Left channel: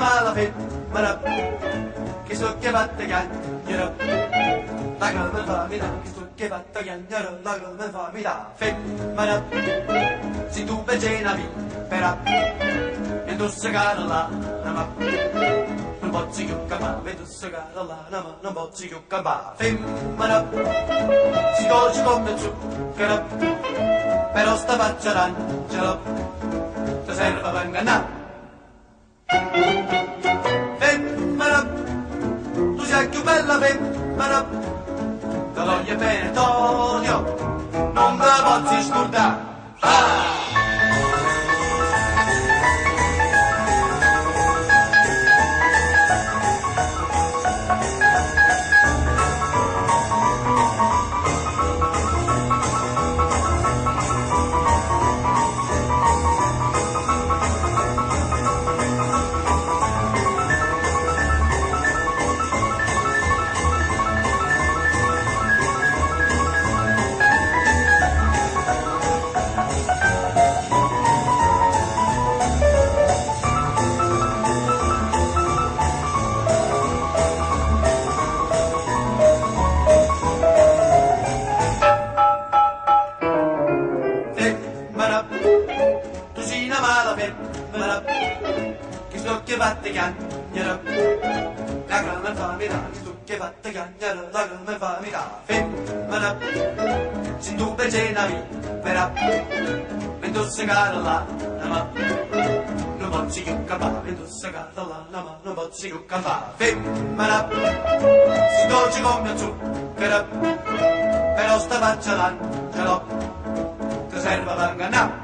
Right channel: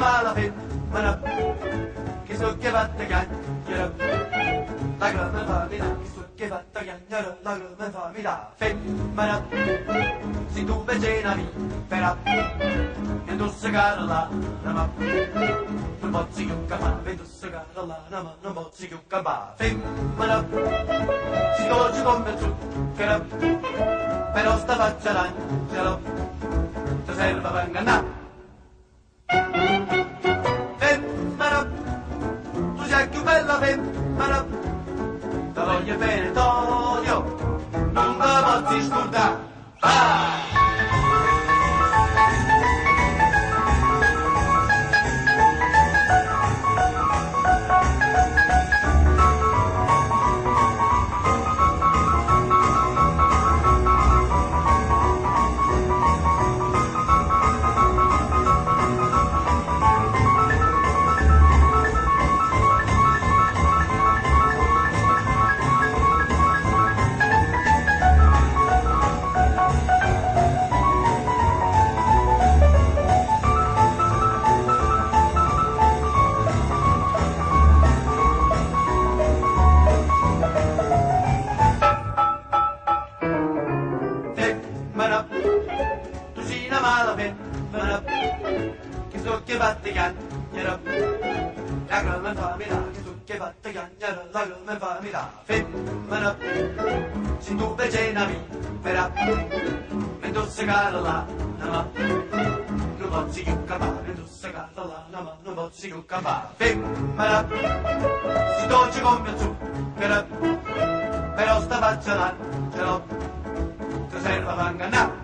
mala femmina che so che fatta chiagnere, lacrime fammi da, che so che fatta chiagnere, lacrime fammi da, femmina, se tu vicina mi però, e tu sei cara là, ma non posso più campare, e tu sei cara là, ma non posso più campare, femmina, si dolce come zucchero, però sta faccia d'angelo, ti serve per ingannare. Femmina, tu sei più bella femmina, ti voglio bene t'odio, non mi posso scordare. Ah! Tu sei una mala femmina che so che fatta chiagnere, lacrime fammi da, che so che fatta chiagnere, lacrime fammi da, femmina, se tu vicina mi però, e tu sei cara là, ma non posso più campare, e tu sei cara là, ma non posso più campare, femmina, si dolce come zucchero, però sta faccia d'angelo, ti serve per ingannare.